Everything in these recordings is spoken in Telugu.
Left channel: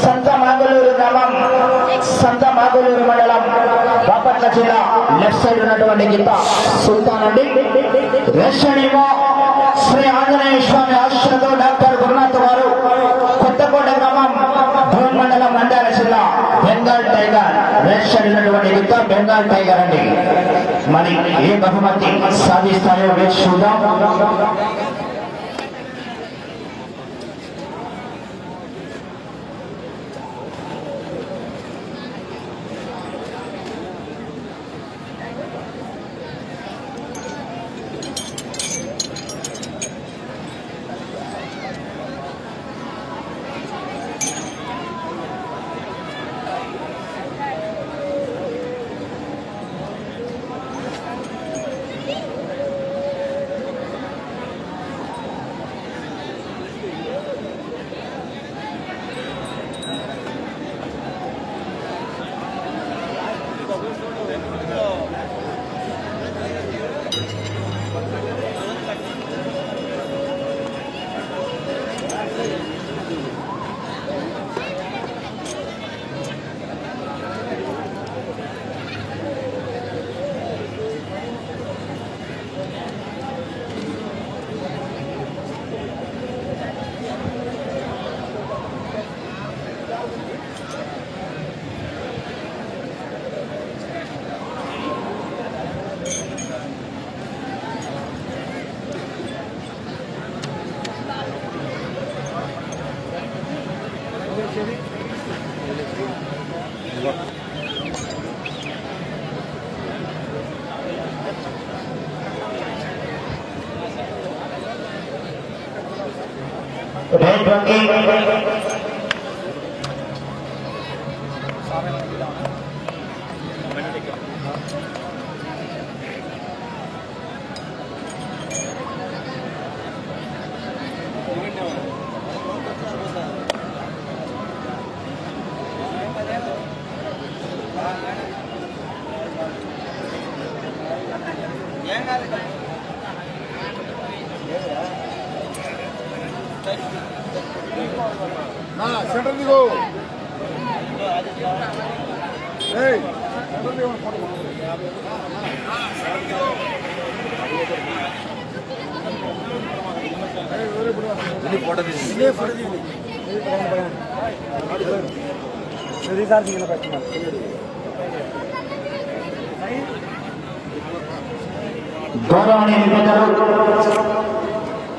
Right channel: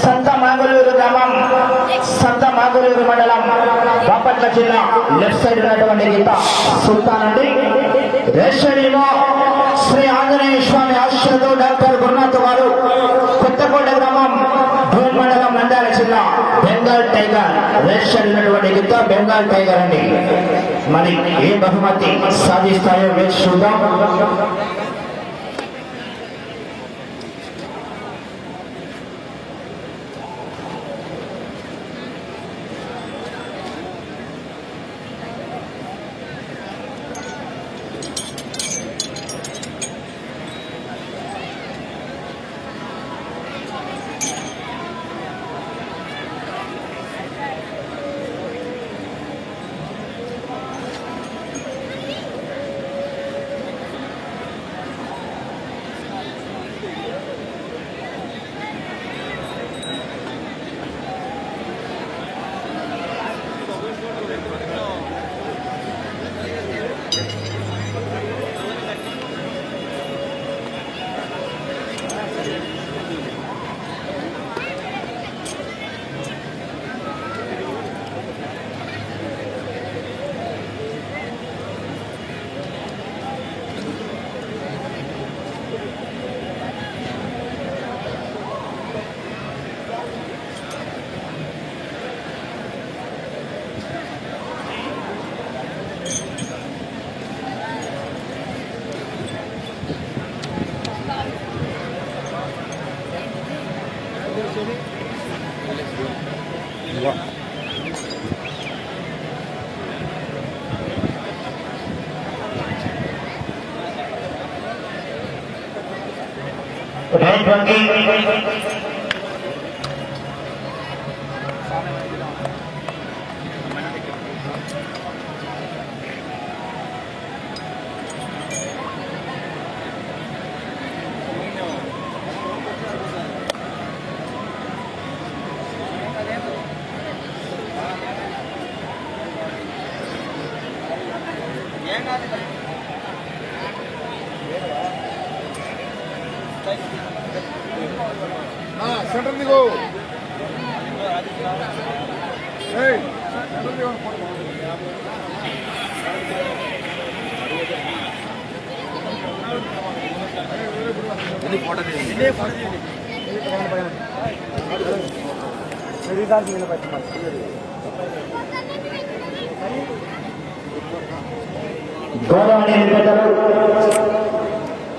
సంతమాగలూరు గ్రామం, సంతమాగలూరు మండలం బాపట్ల జిల్లా లెఫ్ట్ సైడ్ ఉన్నటువంటి గీత సుల్తాన్ అండి. రేషనీలో శ్రీ ఆంజనేయ స్వామి ఆశీస్సులతో డాక్టర్ గురునాథ్ వారు కొత్తకోట గ్రామం ధోన్ మండలం నంద్యాల జిల్లా బెంగాల్ టైగర్ రేషన్ ఉన్నటువంటి గీత బెంగాల్ టైగర్ అండి. మరి ఏ బహుమతి సాధిస్తారో వేచి చూద్దాం. సెంటర్ దిగు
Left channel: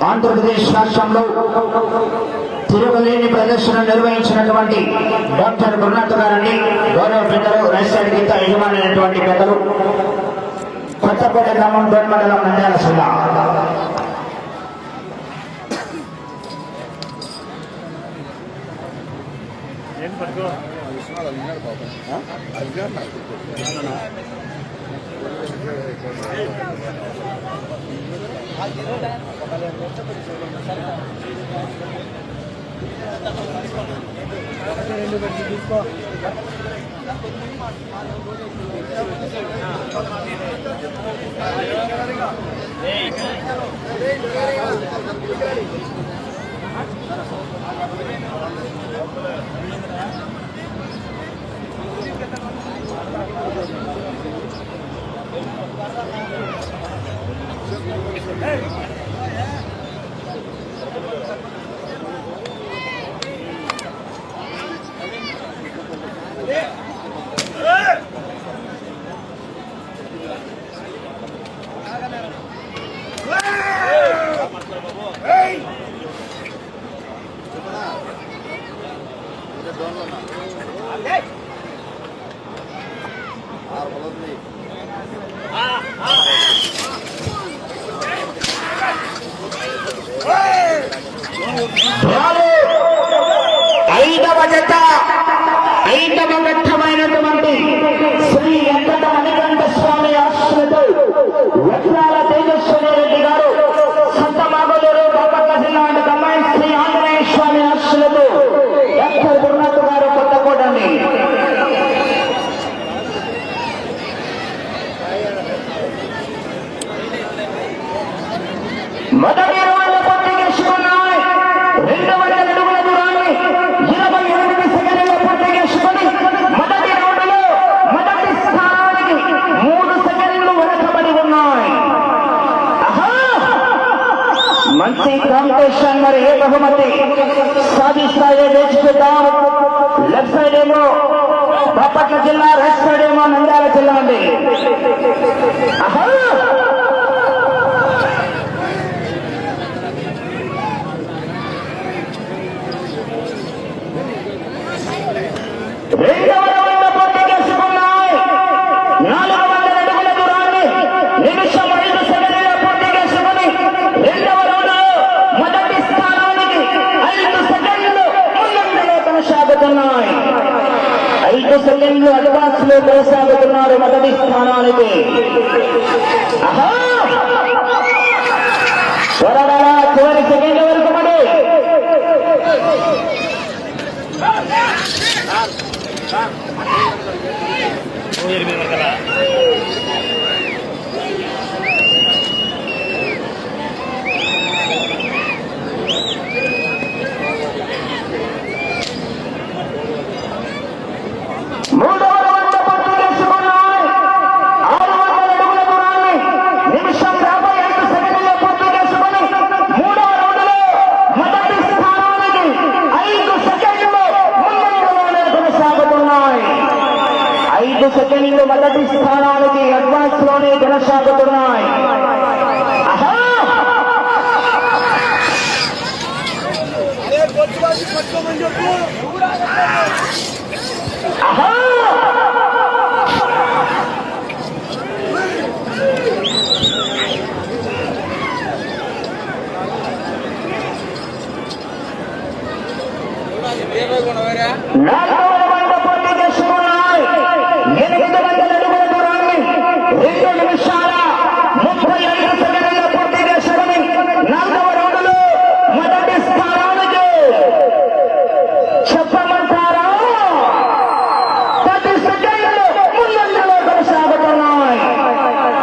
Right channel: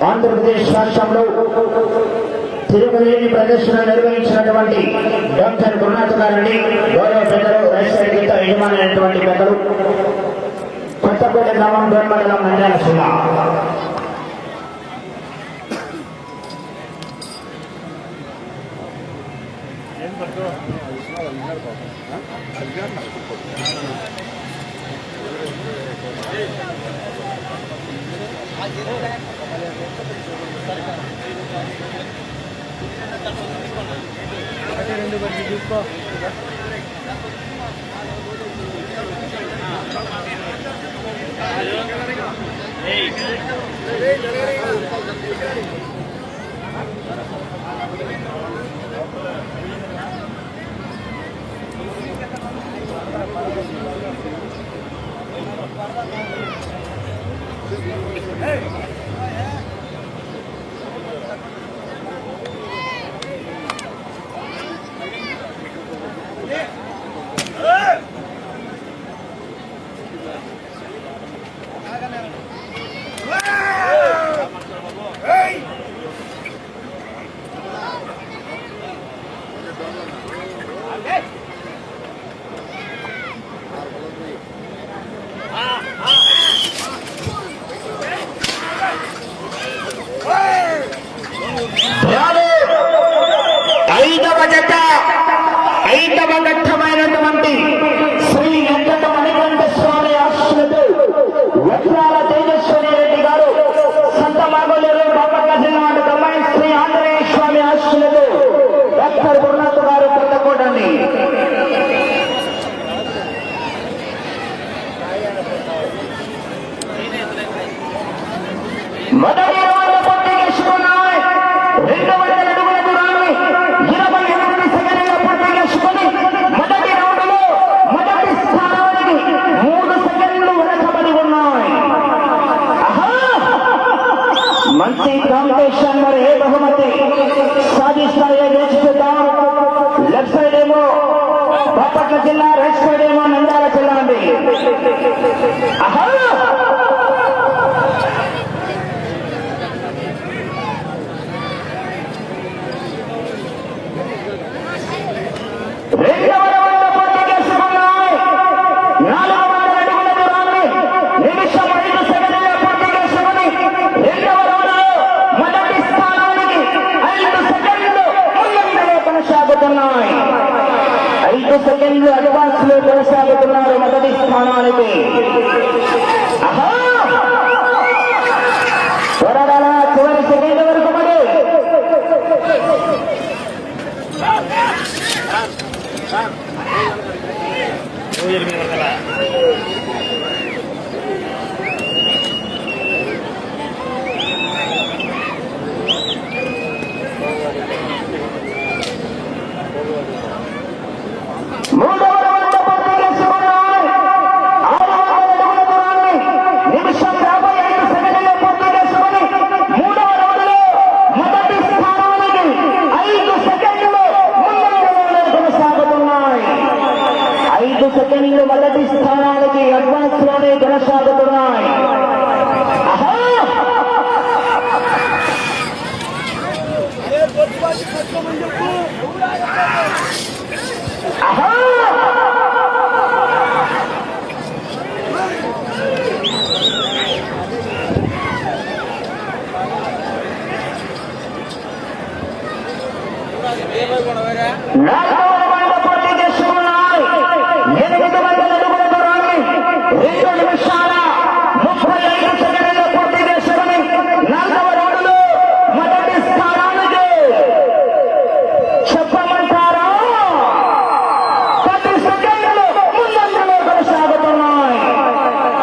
ఆంధ్రప్రదేశ్ రాష్ట్రంలో తిరుగులేని ప్రదర్శన నిర్వహించినటువంటి డాక్టర్ గురునాథ్ గారిని గౌరవ పెద్దలు రైసర్ గీత యజమానైనటువంటి పెద్దలు కొత్తకోట గ్రామం బెన్ మండలం నంద్యాల జిల్లా తీసుకో ఐదవ ఘట్టమైనటువంటి శ్రీ వెంకటమణికంఠ స్వామి ఆశీస్సులతో వజ్రాల తేజస్వరి రెడ్డి గారు సంతమాగలూరు బాపట్ల జిల్లా కంబైన్ శ్రీ ఆంజనేయ స్వామి ఆశీస్సులతో డాక్టర్ గురునాథ్ గారు కొత్తకోటని మొదటి 20 పూర్తి చేసుకున్నాయి. 2 అడుగుల దూరాన్ని బహుమతి సాధిస్తాయో వేచి చూద్దాం. లెఫ్ట్ సైడ్ ఏమో బాపట్ల జిల్లా, రైట్ సైడ్ ఏమో నంద్యాల జిల్లా అండి. ఆహా! రెండవ రౌండ్ పూర్తి చేసుకున్నాయి. 400 అడుగుల దూరాన్ని నిమిషం 5 సెకండ్లలో పూర్తి చేసుకుని రెండవ రౌండ్లో మొదటి స్థానానికి 5 సెకండ్లు ముందంజలో కొనసాగుతున్నాయి. 5 సెకండ్లు అడ్వాన్స్ లో కొనసాగుతున్నారు మొదటి స్థానానికి. ఆహా! త్వరగా చివరి సెకండ్ వరకు పడి మూడవ రౌండ్ పూర్తి చేసుకున్నాయి. 600 అడుగుల దూరాన్ని నిమిషం 55 సెకండ్లలో పూర్తి చేసుకుని మూడవ రౌండ్లో మొదటి స్థానానికి 5 సెకండ్లు ముందంజలోనే కొనసాగుతున్నాయి. 5 సెకండ్లు మొదటి స్థానానికి అడ్వాన్స్ లోనే కొనసాగుతున్నాయి. ఆహా! పట్టుకోమని చెప్పు. ఆహా! నాలుగవ రౌండ్ పూర్తి చేసుకున్నాయి. 800 అడుగుల దూరాన్ని 2 నిమిషాల 35 సెకండ్లలో పూర్తి చేసుకుని నాలుగవ రౌండ్లో మొదటి స్థానానికి చెప్పమంటారా 10 సెకండ్లు ముందంజలో కొనసాగుతున్నాయి.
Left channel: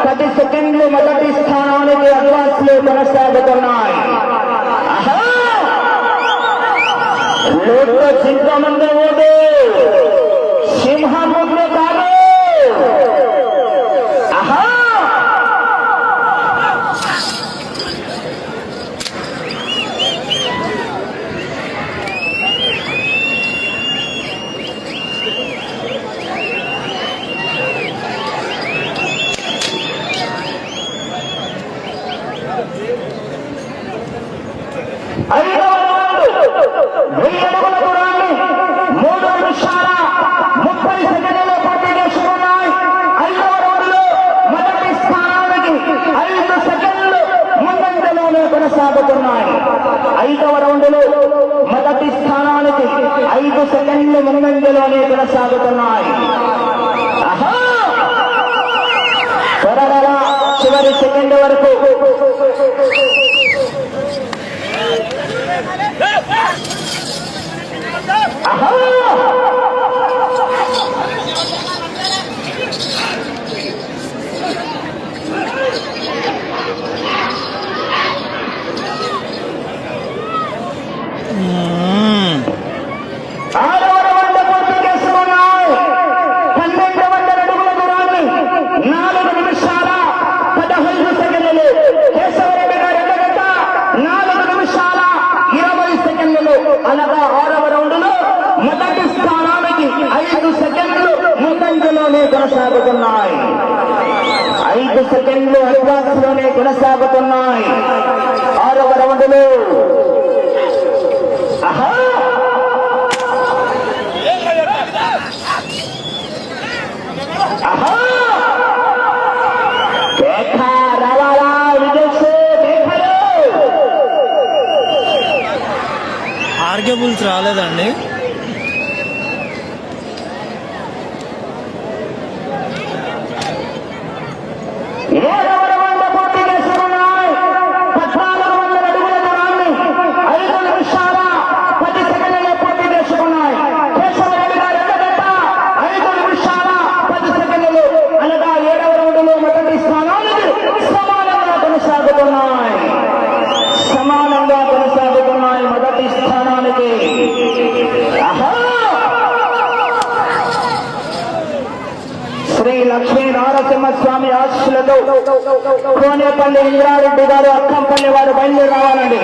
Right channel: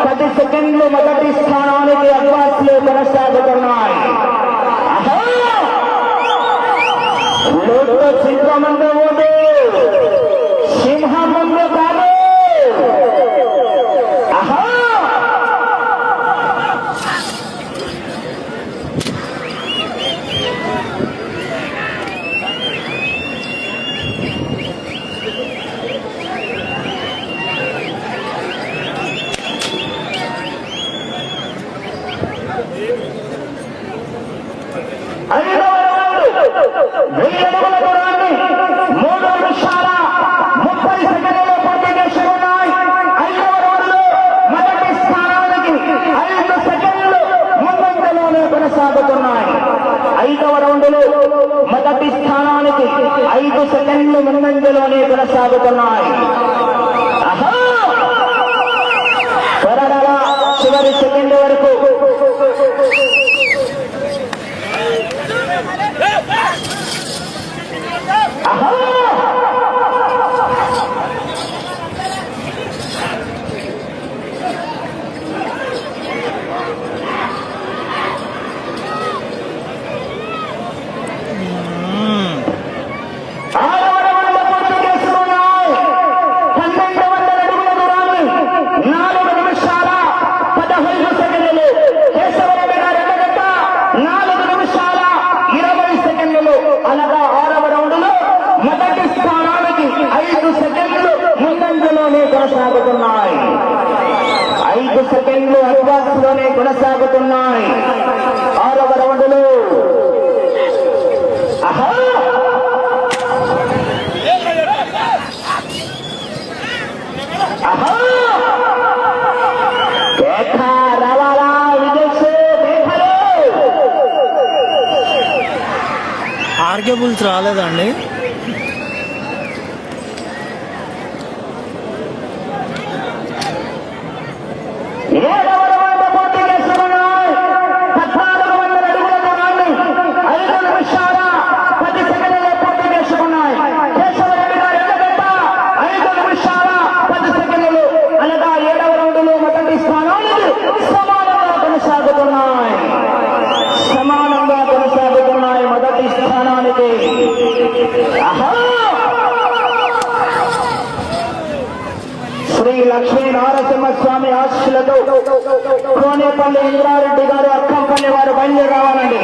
10 సెకండ్లు మొదటి స్థానానికి అడ్వాన్స్ లో కొనసాగుతున్నాయి. ఆహా! లోటు చింతమంటే ఓటు సింహముద్ర కాదు. ఆహా! ఐదవ రౌండ్ 1000 అడుగుల దూరాన్ని 3 నిమిషాల 30 సెకండ్లలో పూర్తి చేసుకున్నాయి. 5వ రౌండ్లో మొదటి స్థానానికి 5 సెకండ్లు ముందంజలోనే కొనసాగుతున్నాయి. 5వ రౌండ్లో మొదటి స్థానానికి 5 సెకండ్లు ముందంజలోనే కొనసాగుతున్నాయి. ఆహా! త్వరగా చివరి సెకండ్ వరకు ఆహా! ఆరవ రౌండ్ పూర్తి చేసుకున్నాయి. 1200 అడుగుల దూరాన్ని 4 నిమిషాల 15 సెకండ్లు. కేశవరెడ్డి గారు ఎన్నగంట 4 నిమిషాల 20 సెకండ్లు. అనగా 6వ రౌండ్లో మొదటి స్థానానికి 5 సెకండ్లు ముందంజలోనే కొనసాగుతున్నాయి. 5 సెకండ్లు అడ్వాన్స్ లోనే కొనసాగుతున్నాయి 6వ రౌండ్లో. ఆహా! ఆహా! కేఖ రావాలా విజయ్ కేఖలు. ఆర్కే బుల్స్ రాలేదండి. ఏడవ రౌండ్ పూర్తి చేసుకున్నాయి. 1400 అడుగుల దూరాన్ని 5 నిమిషాల 10 సెకండ్లలో పూర్తి చేసుకున్నాయి. కేశవరెడ్డి గారు ఎన్నగంట 5 నిమిషాల 10 సెకండ్లు. అనగా 7వ రౌండ్లో మొదటి స్థానానికి సమానంగా కొనసాగుతున్నాయి. సమానంగా కొనసాగుతున్నాయి మొదటి స్థానానికి. ఆహా! శ్రీ లక్ష్మీ నారసింహస్వామి ఆశీస్సులతో కోనేపల్లి ఇంద్రారెడ్డి గారు అక్కంపల్లి వారు బయలుదేరి రావాలండి.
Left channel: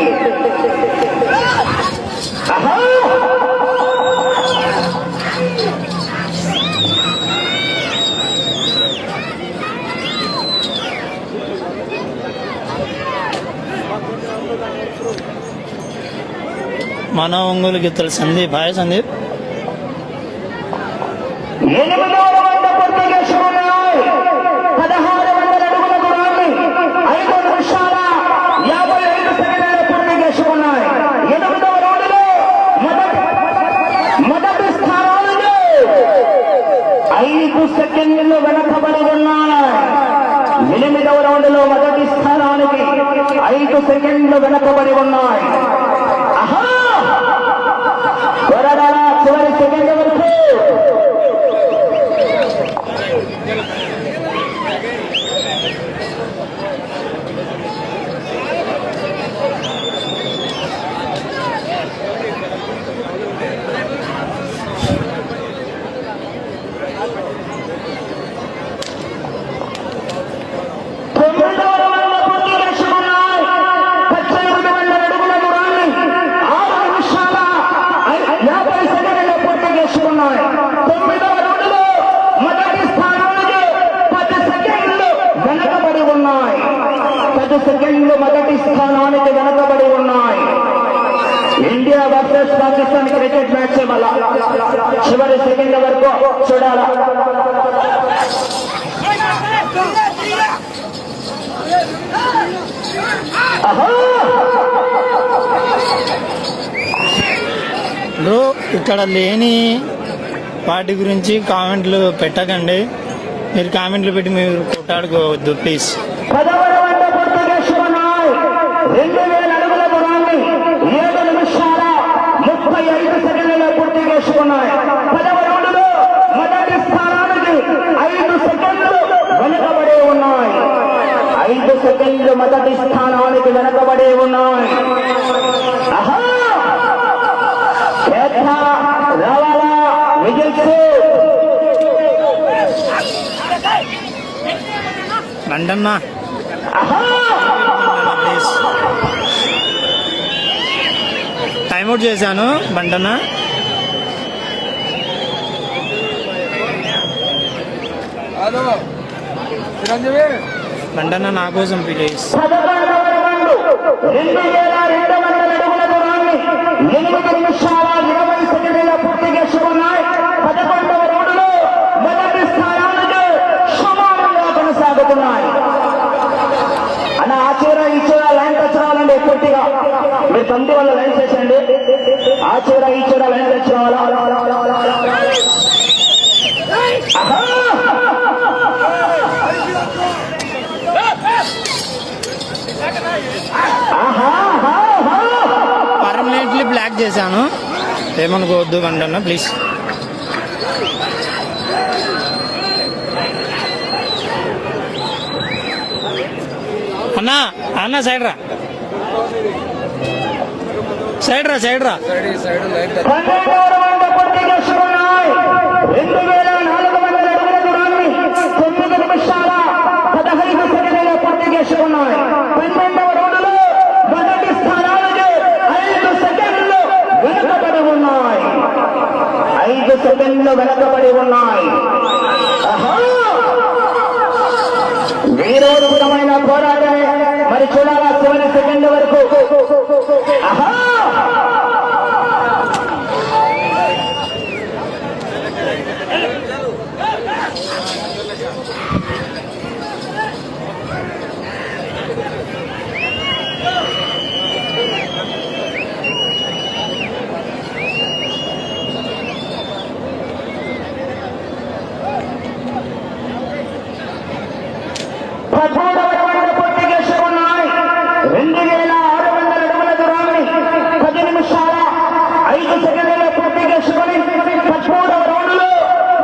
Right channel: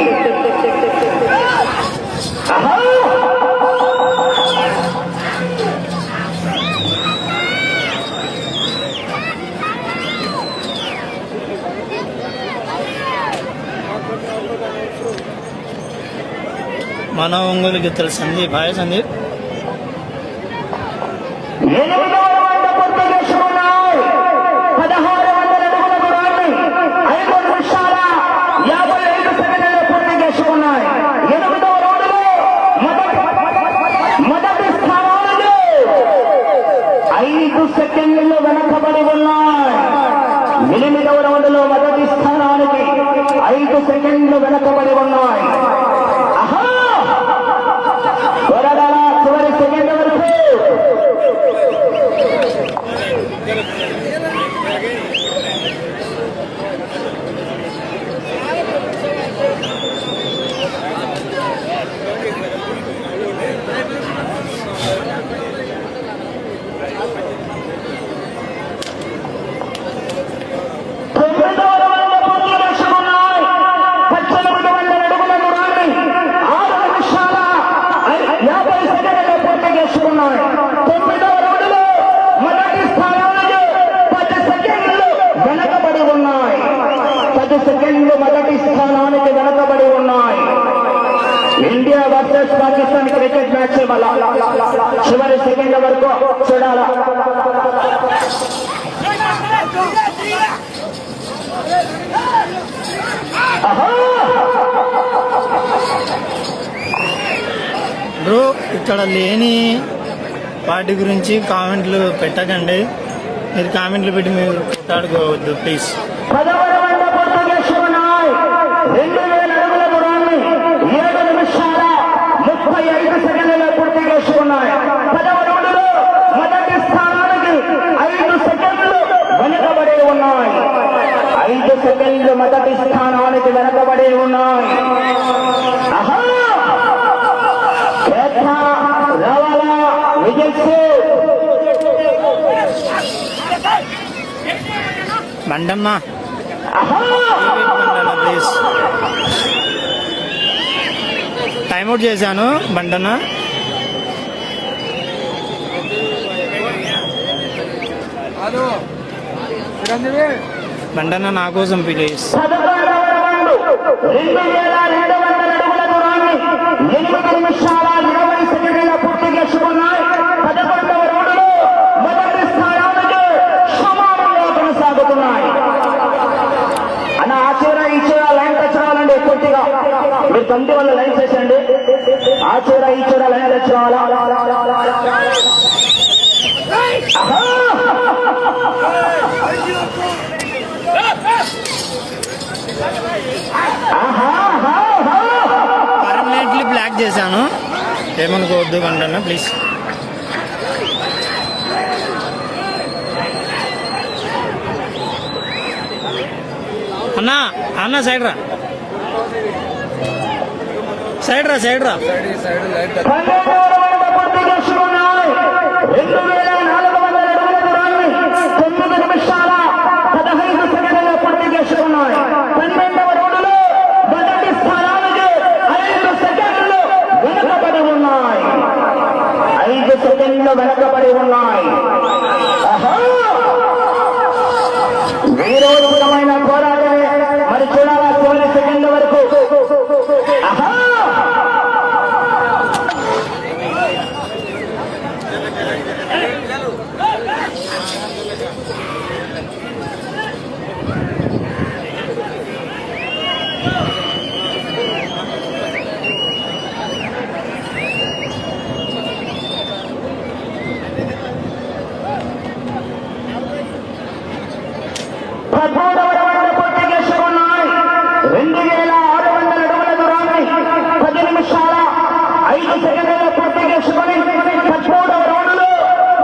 మన ఒంగోలు గిత్తలు సందీప్. హాయ్ సందీప్. 8వ రౌండ్ పూర్తి చేసుకున్నాయి. 1600 అడుగుల దూరాన్ని 5 నిమిషాల 55 సెకండ్లలో పూర్తి చేసుకున్నాయి. 8వ రౌండ్లో మొదటి స్థానానికి 5 సెకండ్లు వెనకబడి ఉన్నాయి. 8వ రౌండ్లో మొదటి స్థానానికి 5 సెకండ్లు వెనకబడి ఉన్నాయి. పోరాడాల చివరి సెకండ్ వరకు. సెకండ్లు మొదటి స్థానానికి వెనకబడి ఉన్నాయి. India versus Pakistan cricket match వల్ల చివరి సెకండ్ల వరకు చూడాల. బ్రో ఇక్కడ లేని వాటి గురించి కామెంట్లు పెట్టకండి. మీరు కామెంట్లు పెట్టి మీరు కొట్టాడుకోవద్దు ప్లీజ్. 2000 అడుగుల దూరాన్ని 7 నిమిషాల 35 సెకండ్లలో పూర్తి చేసుకున్నాయి. 10వ రౌండ్లో మొదటి స్థానానికి 5 సెకండ్లు వెనుకబడి ఉన్నాయి. 5 సెకండ్లు మొదటి స్థానానికి వెనుకబడి ఉన్నాయి. రావాలా విజయ్ బండన్నా. టైమ్అవుట్ చేశాను బండన్నా. బండన్నా నా కోసం ప్లీజ్. 8 నిమిషాల 20 సెకండ్ల పూర్తి చేసుకున్నాయి. 11వ రౌండ్లో మొదటి స్థానానికి సమానంగా కొనసాగుతున్నాయి. అన్న ఆచూరా ఈచూరా లైన్ టచ్ రావాలండి. పూర్తిగా మీరు తండ్రి వల్ల లైన్ చేసండి. ఆచూరా ఈచూరా లైన్ టచ్ రావాలా. పర్మనెంట్లీ బ్లాక్ చేశాను, ఏమనుకోవద్దు కంటన్నా ప్లీజ్. అన్నా అన్న సైడ్ రా, సైడ్ రా, సైడ్ రా. 9 నిమిషాల 15 సెకండ్లలో పూర్తి చేసుకున్నాయి. 12వ రౌండ్లో మొదటి స్థానానికి 5 సెకండ్లు వెనకబడి ఉన్నాయి. 5 సెకండ్లు వెనకబడి ఉన్నాయి. వీరోచితమైన పోరాటమే. మరి చూడాలా చివరి సెకండ్ల వరకు. పూర్తి చేసుకున్నాయి. 2600 అడుగుల దూరాన్ని 10 నిమిషాల 5 సెకండ్లలో పూర్తి చేసుకుని 13వ రౌండ్లో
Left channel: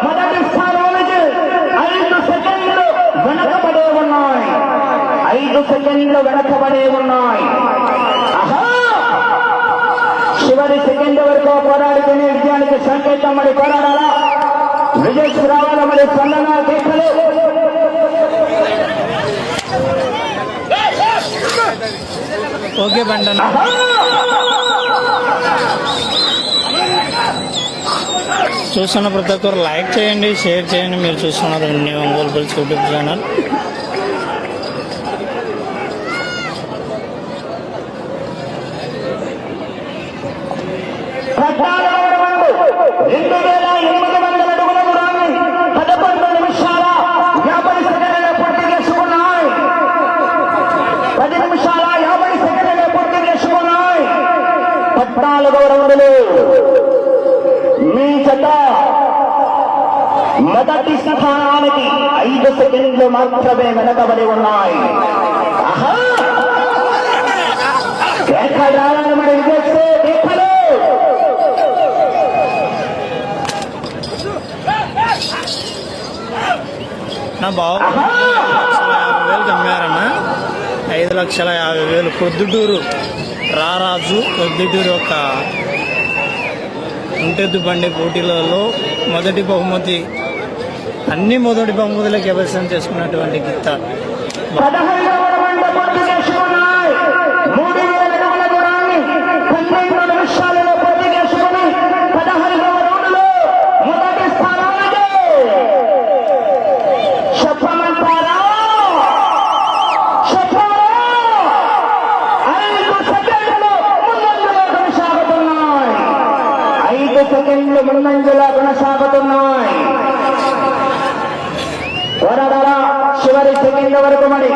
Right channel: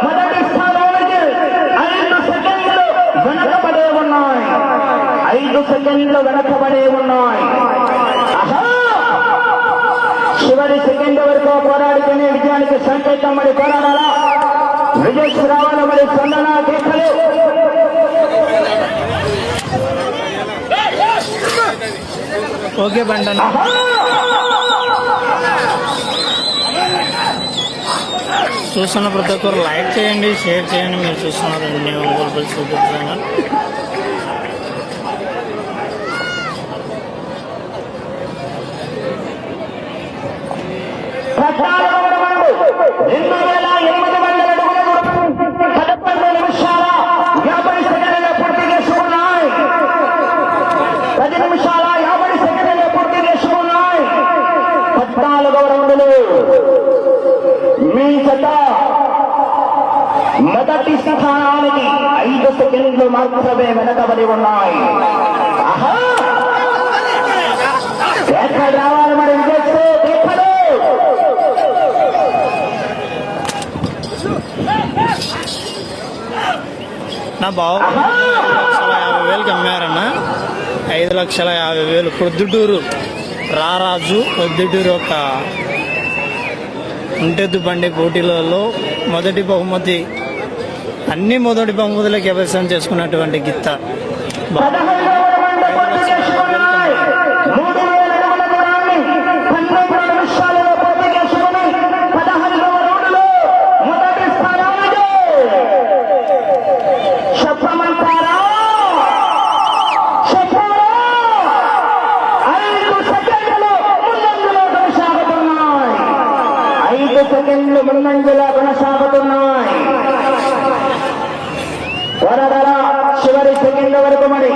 మొదటి స్థానానికి 5 సెకండ్లు వెనకబడే ఉన్నాయి. 5 సెకండ్లు వెనకబడే ఉన్నాయి. చివరి సెకండ్ వరకు పోరాడుకునే విజయానికి సంకేతం మరి పోరాడాలా. విజయ్ రావాల మరి స్పందన కేకలు ఓకే బండన్న. చూస్తున్న ప్రతి ఒక్కరు లైక్ చేయండి, షేర్ చేయండి. మీరు చూస్తున్నారు Indian Ongole bulls YouTube channel. మీ జత మొదటి స్థానానికి 5 సెకండ్లు మాత్రమే వెనకబడి ఉన్నాయి. ఎక్కడ రావాలి మరి విజయ్ ఎక్కడు నా బాబు 5,50,000 అమ్మారన్న. 5,50,000 పొద్దుటూరు రారాజు పొద్దుటూరు ఒక ఒంటెద్దు బండి పోటీలలో మొదటి బహుమతి, అన్ని మొదటి బహుమతులకు వ్యవసాయం చేసుకున్నటువంటి గిత్త. 15వ రౌండ్ పూర్తి చేసుకున్నాయి. 3,000 అడుగుల దూరాన్ని 12 నిమిషాలలో పూర్తి చేసుకుని 15వ రౌండ్లో మొదటి స్థానానికి చెప్పమంటారా? చెప్పారా? 5 సెకండ్లు ముందంజలో కొనసాగుతున్నాయి. 5 సెకండ్లు ముందంజలో కొనసాగుతున్నాయి. వరదల చివరి సెకండ్ల వరకు మరి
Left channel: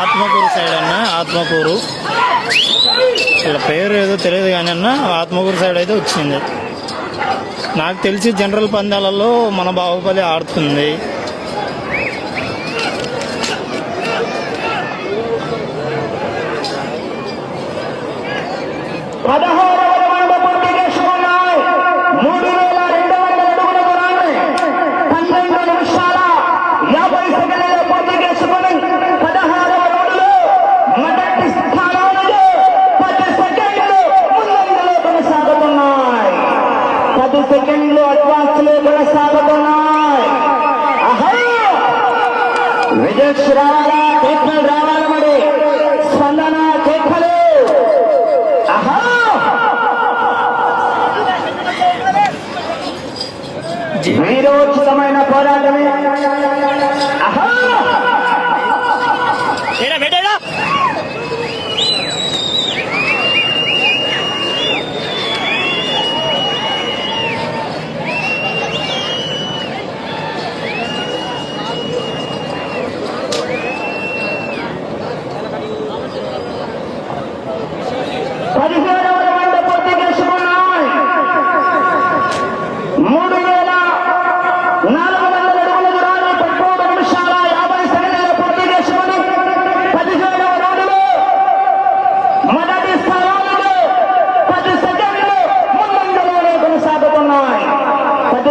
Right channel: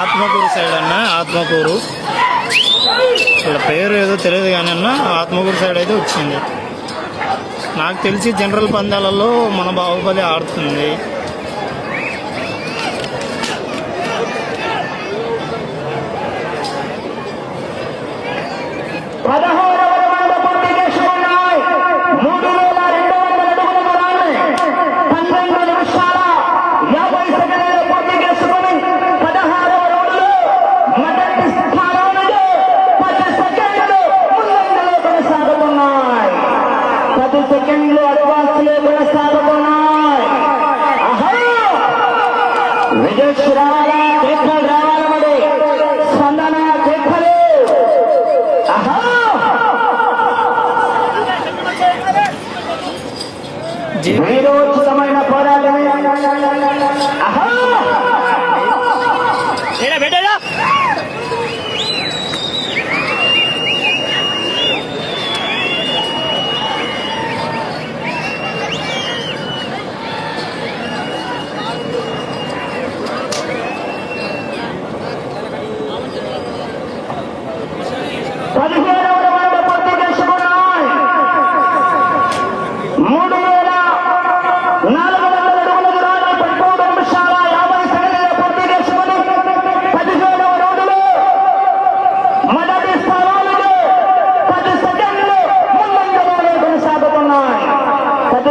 ఆత్మకూరు సైడ్ అన్న, ఆత్మకూరు వాళ్ళ పేరు ఏదో తెలియదు కానీ అన్న, ఆత్మకూరు సైడ్ అయితే వచ్చింది. నాకు తెలిసి జనరల్ పందాలలో మన బాహుబలి ఆడుతుంది. సెకండ్లు అడ్వాన్స్లో కొనసాగుతున్నాయి. విజయ్ రాగా కేకలు రావాలన్నది స్పందన కేకలు. వీరోచితమైన పోరాటమే.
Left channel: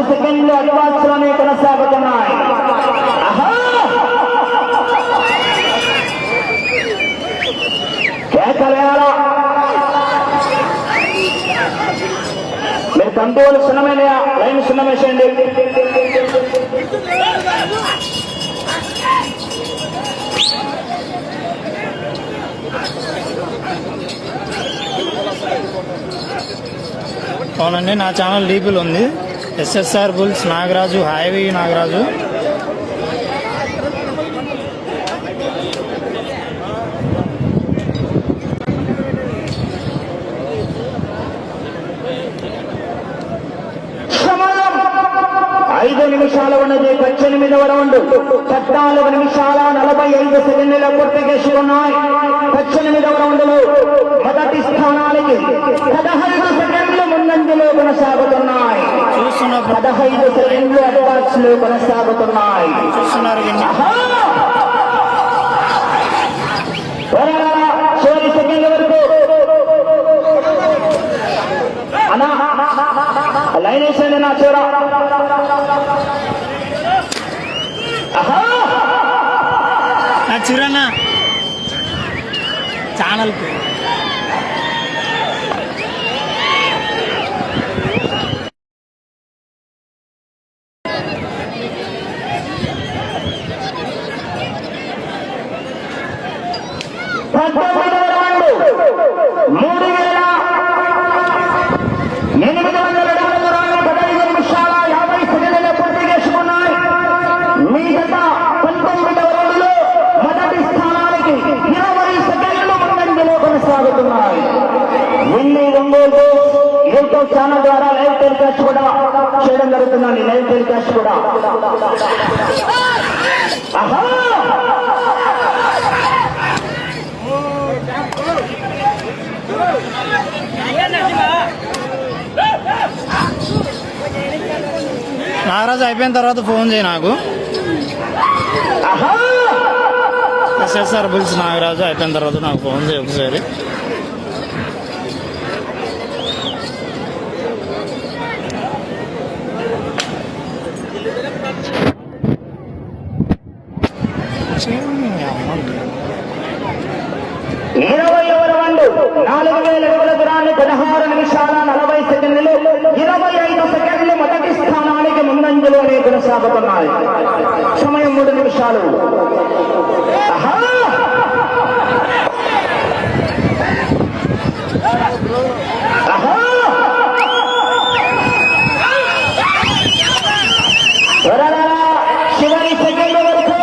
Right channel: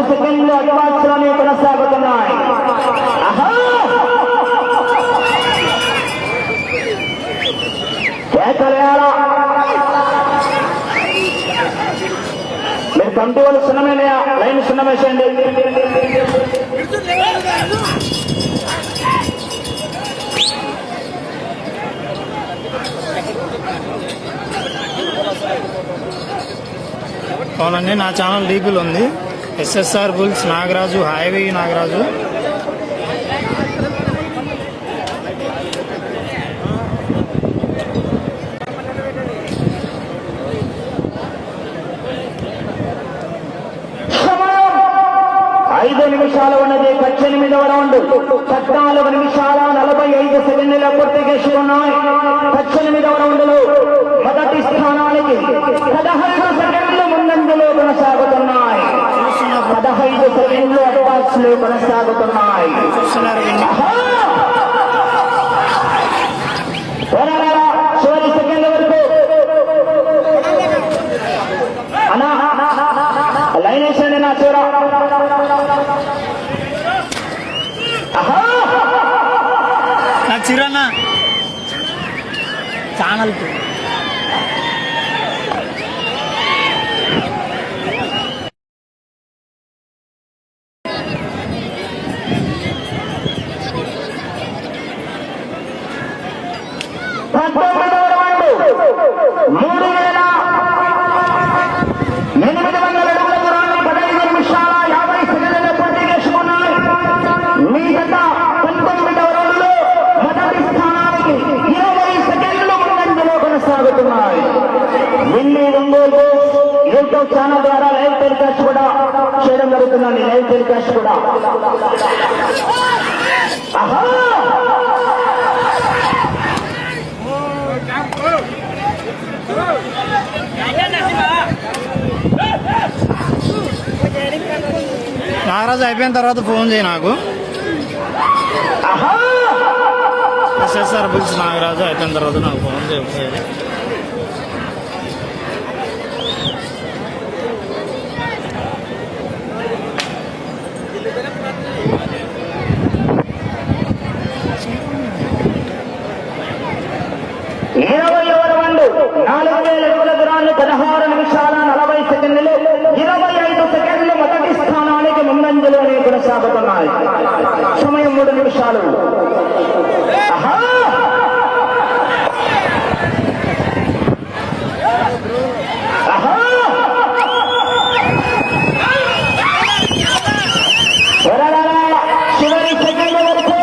సెకండ్లు అడ్వాన్స్ లోనే కొనసాగుతున్నాయి. కేకలేయాలా? మీరు కంట్రోల్ సున్నమే, లైన్ సున్నమేసేయండి. అవునండి, నా ఛానల్ డీపీలు ఉంది. SSR bulls Nagaraju, highway Nagaraju. ఐదు నిమిషాలు ఉన్నది 18వ రౌండ్. 14 నిమిషాల 45 సెకండ్ల పూర్తి చేసి ఉన్నాయి. 18వ రౌండ్ లో మొదటి స్థానానికి 15 సెకండ్లు ముందంజలో కొనసాగుతున్నాయి. 15 సెకండ్లు అడ్వాన్స్ లో కొనసాగుతున్నాయి. చివరి సెకండ్ల వరకు అన్నా లైన్ వేసండి నా చూడ. నా చిరన్న ఛానల్కు మీ గత 19వ రౌండ్లో మొదటి స్థానానికి 20 సెకండ్లు ముందంజలో కొనసాగుతున్నాయి. విన్ని ఒంగోలు యూట్యూబ్ ఛానల్ ద్వారా లైవ్ టెలికాస్ట్ కూడా చేయడం జరుగుతుందండి. లైవ్ టెలికాస్ట్ కూడా ఆహా నాగరాజు అయిపోయిన తర్వాత ఫోన్ చేయి నాకు. ఎస్ఎస్ఆర్ బుల్స్ నాగరాజు అయిపోయిన తర్వాత నాకు ఫోన్ చేయాలి. రౌండ్ 4000 అడుగుల దూరాన్ని 16 నిమిషాల 40 సెకండ్లు 25 సెకండ్లు మొదటి స్థానానికి ముందంజలోనే కొనసాగుతున్నాయి. సమయం 3 నిమిషాలు. చివరి సెకండ్ల వరకు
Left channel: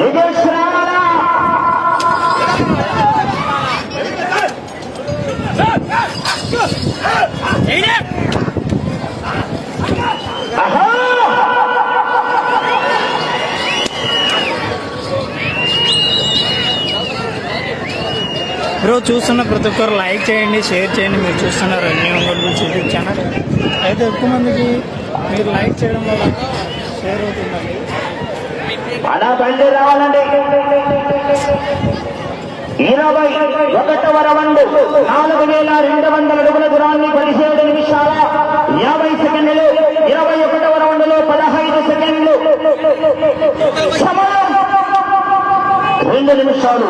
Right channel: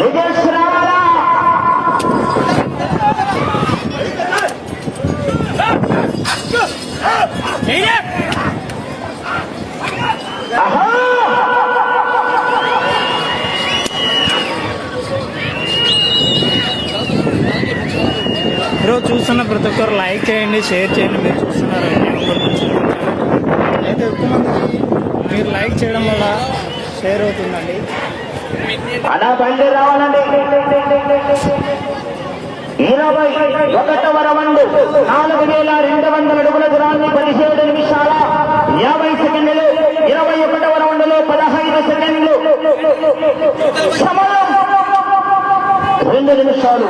విజయ్ రావాలా? బ్రో చూస్తున్న ప్రతి ఒక్కరు లైక్ చేయండి, షేర్ చేయండి. మీరు చూస్తున్నారు అన్ని ఒంగోలు గురించి యూట్యూబ్ ఛానల్. అయితే ఎక్కువ మందికి మీరు లైక్ చేయడం వల్ల షేర్ అవుతుందండి. అలా బండి రావాలండి. 21వ రౌండ్ 4200 అడుగుల దూరాన్ని 17 నిమిషాల 50 సెకండ్లు 21వ రౌండ్ లో 15 సెకండ్లు సమయం 2 నిమిషాలు.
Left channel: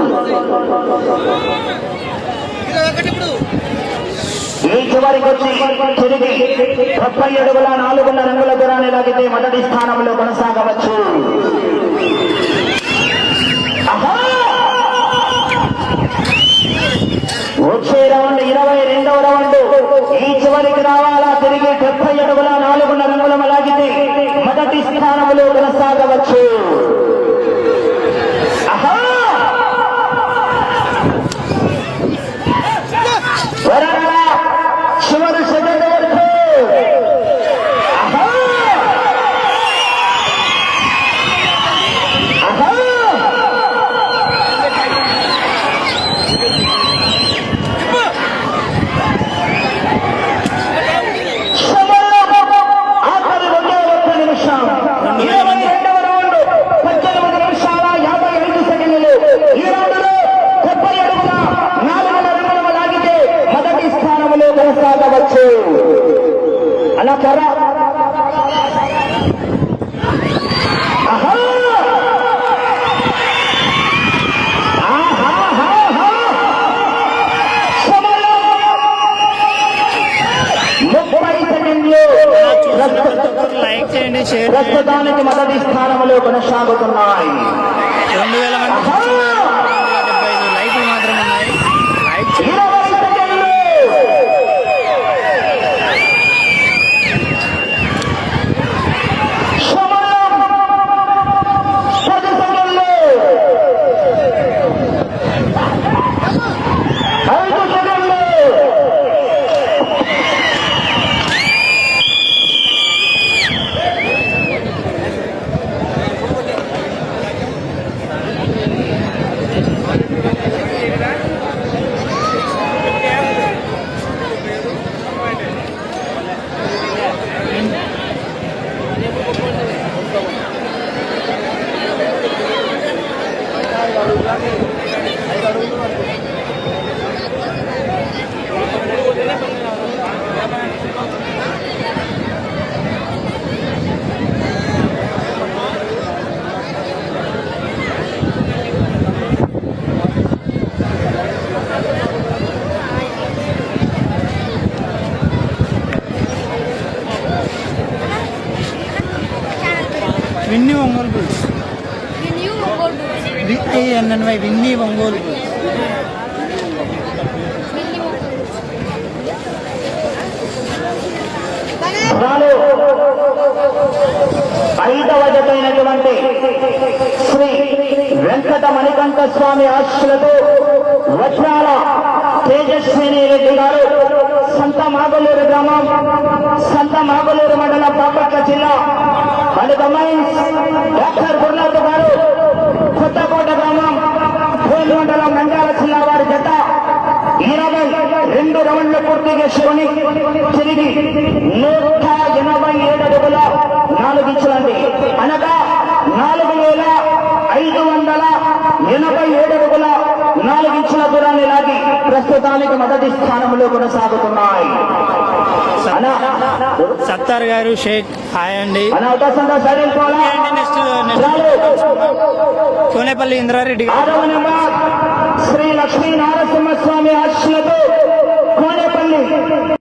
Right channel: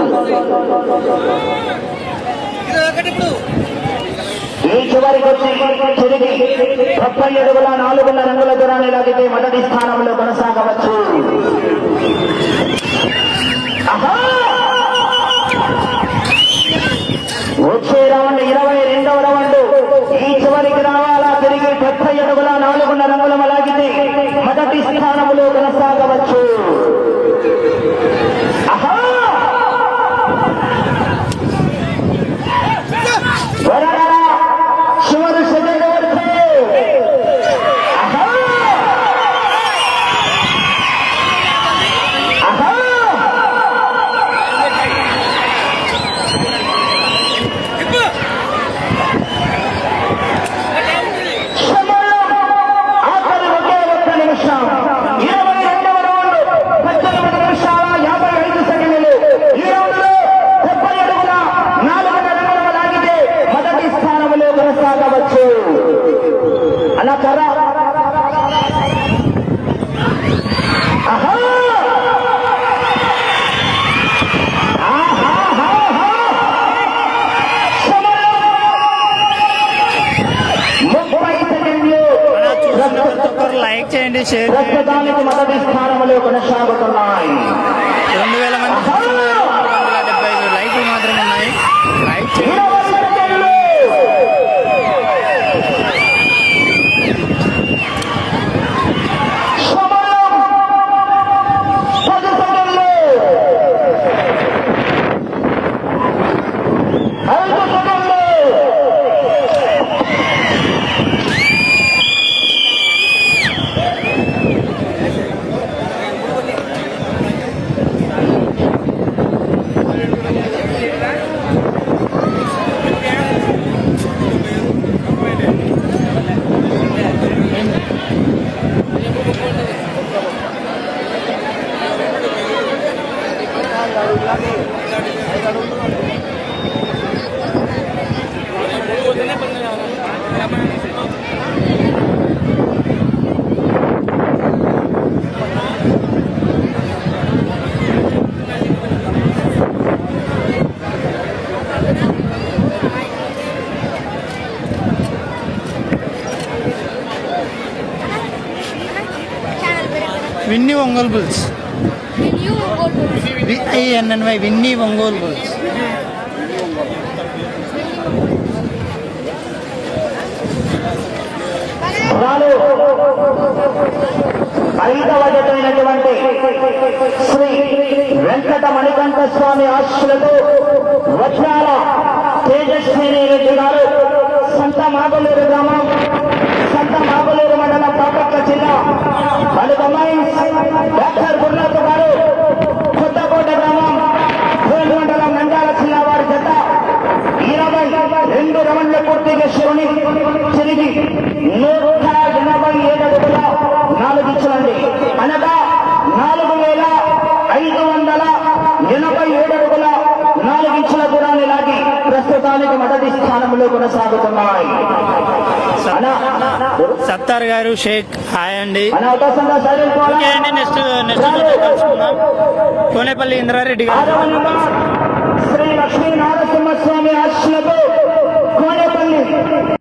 ఈ చివరికి వచ్చి తిరిగి 30 అడుగుల 400 రంగుల దూరాన్ని లాగితే మొదటి స్థానంలో కొనసాగవచ్చు. వచ్చే రౌండ్ 22వ రౌండ్. ఈ చివరికి రావాలా? తిరిగి 70 అడుగుల 400 రంగుల లాగితే మొదటి స్థానంలో కొనసాగవచ్చు. చివరి సెకండ్ వరకు ఆఖరి ఒకే 1 నిమిషం. 22వ రౌండ్ 18 నిమిషాల 55 సెకండ్లు. ఈ రౌండ్ లో 70 అడుగుల 400 రంగుల లాగితే మొదటి స్థానంలో కొనసాగవచ్చు. అలా త్వర ప్రతి ఒక్కరు లైక్ చేయండి, షేర్ చేయండి. ప్రస్తుతానికి మొదటి స్థానంలో కొనసాగుతున్నాయి. 2000 మంది చూస్తున్నారు. 275 లైకులు మాత్రమే ఉన్నాయి. లైక్ చేయండి. 20 సెకండ్లు. సమయం 10 సెకండ్లు. 5 సెకండ్లు. Ongole bulls. New Mongol Bulls. VINNY Vinny Ongole bulls. రాలు 5వ జతైనటువంటి శ్రీ వెంకట మణికంఠ స్వామి ఆశీస్సులతో వజ్రాల తేజస్విని రెడ్డి గారు సంత మాగలూరు గ్రామం, సంత మాగలూరు మండలం, బాపట్ల జిల్లా బలిగమ్మాయి డాక్టర్ గురునాథ్ గారు కొత్తకోట గ్రామం, భోల్ మండలం, నంద్యాల జిల్లా వారి జత 22 రౌండ్లు పూర్తి చేసుకుని తిరిగి 187 అడుగుల 4 ఇంచులండి, అనగా 4587 అడుగుల 4 ఇంచుల దూరాన్ని లాగి ప్రస్తుతానికి మొదటి స్థానంలో కొనసాగుతున్నాయి. సత్తార్ గారు షేక్ హాయ్ అండి. అనవకాశంగా సాధించుకోవాలా. నెక్స్ట్ కోనేపల్లి ఇంద్రారెడ్డి గారు. 6వ నెంబర్ శ్రీ లక్ష్మీ నారసింహస్వామి ఆశీస్సులతో కోనేపల్లి